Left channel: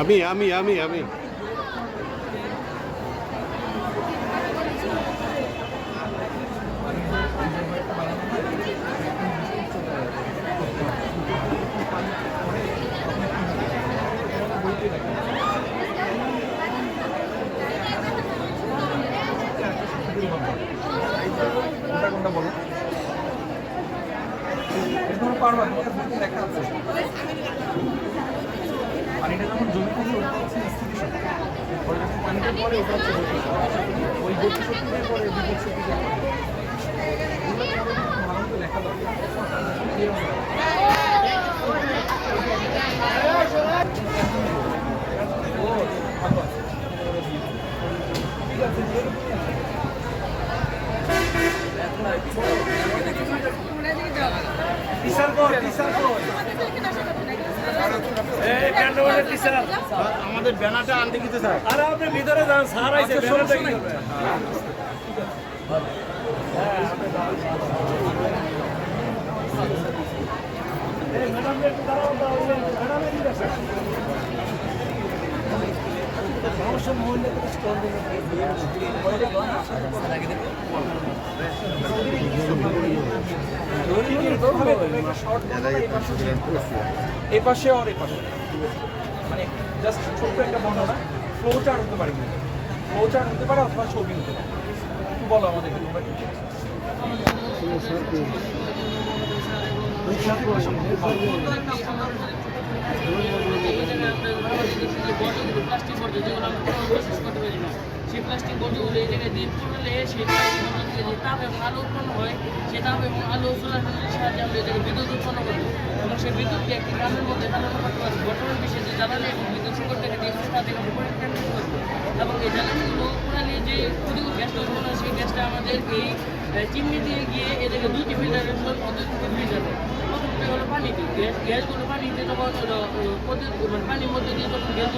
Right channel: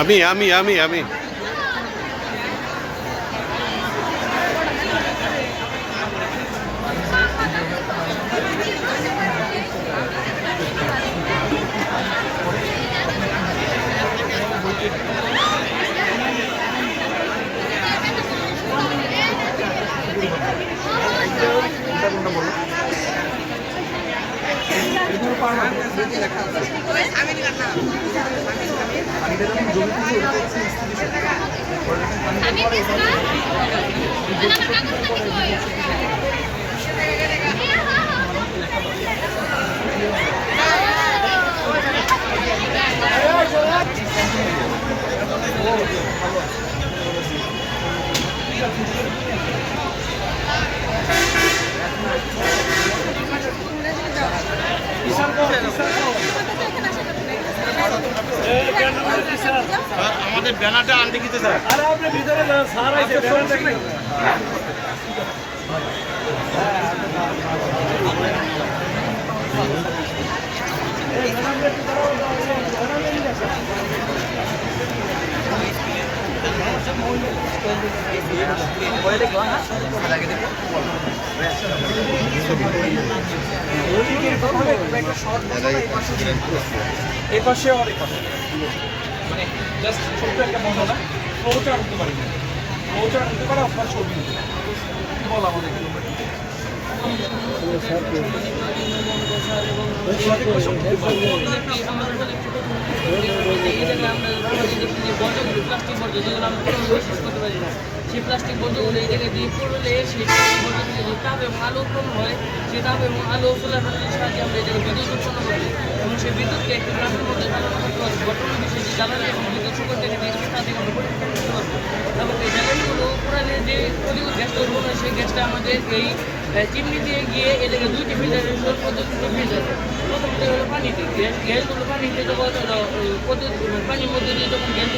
আমি আমাদের ব্যানারটা আনতে গেছে স্যার। আরে আপনি ভিতরে যান স্যার, আইছে ব্যানারটা কি? এই পাশে আর এই পাশে মানে জাস্ট ছোট্ট একটা বর্ণনা, ফ্লোচার হতে পারি না, ফ্লোচার হতে পারে আপনার ছবি হতে পারে। কি বল আমাদের সেই প্লাস্টিক বর্জ্যগুলো এই জায়গায় দিয়ে পড়লে সেটা যে তাপ এবং আলো উৎপন্ন হয়, সে তাপ এবং আলো সোলার প্যানেলের সাহায্যে আমরা এই জায়গায় বিদ্যুৎ উৎপন্ন করি এবং সেই বিদ্যুৎকে একটি গ্রামের মধ্যে ধারণ করতে পারবো। বর্তমান বিষয়ে যে জ্বালানি এবং বিদ্যুৎ সংকট থেকে তা থেকে আমরা পরিত্রাণ করতে পারবো এবং এই জ্বালানিগুলো পুরালে যে ক্ষতিকর গ্যাস তৈরি হয় সেই গ্যাসটা আমাদের এই চিমনি দিয়ে গিয়ে এ জায়গায় দুইটি ফিল্টারের পদ্ধতিতে ফিল্টার হয়। প্রথমত হলো পানিতে, গ্যাসগুলো পানিতে যখন পানির মধ্যে দিয়ে যখন গ্যাস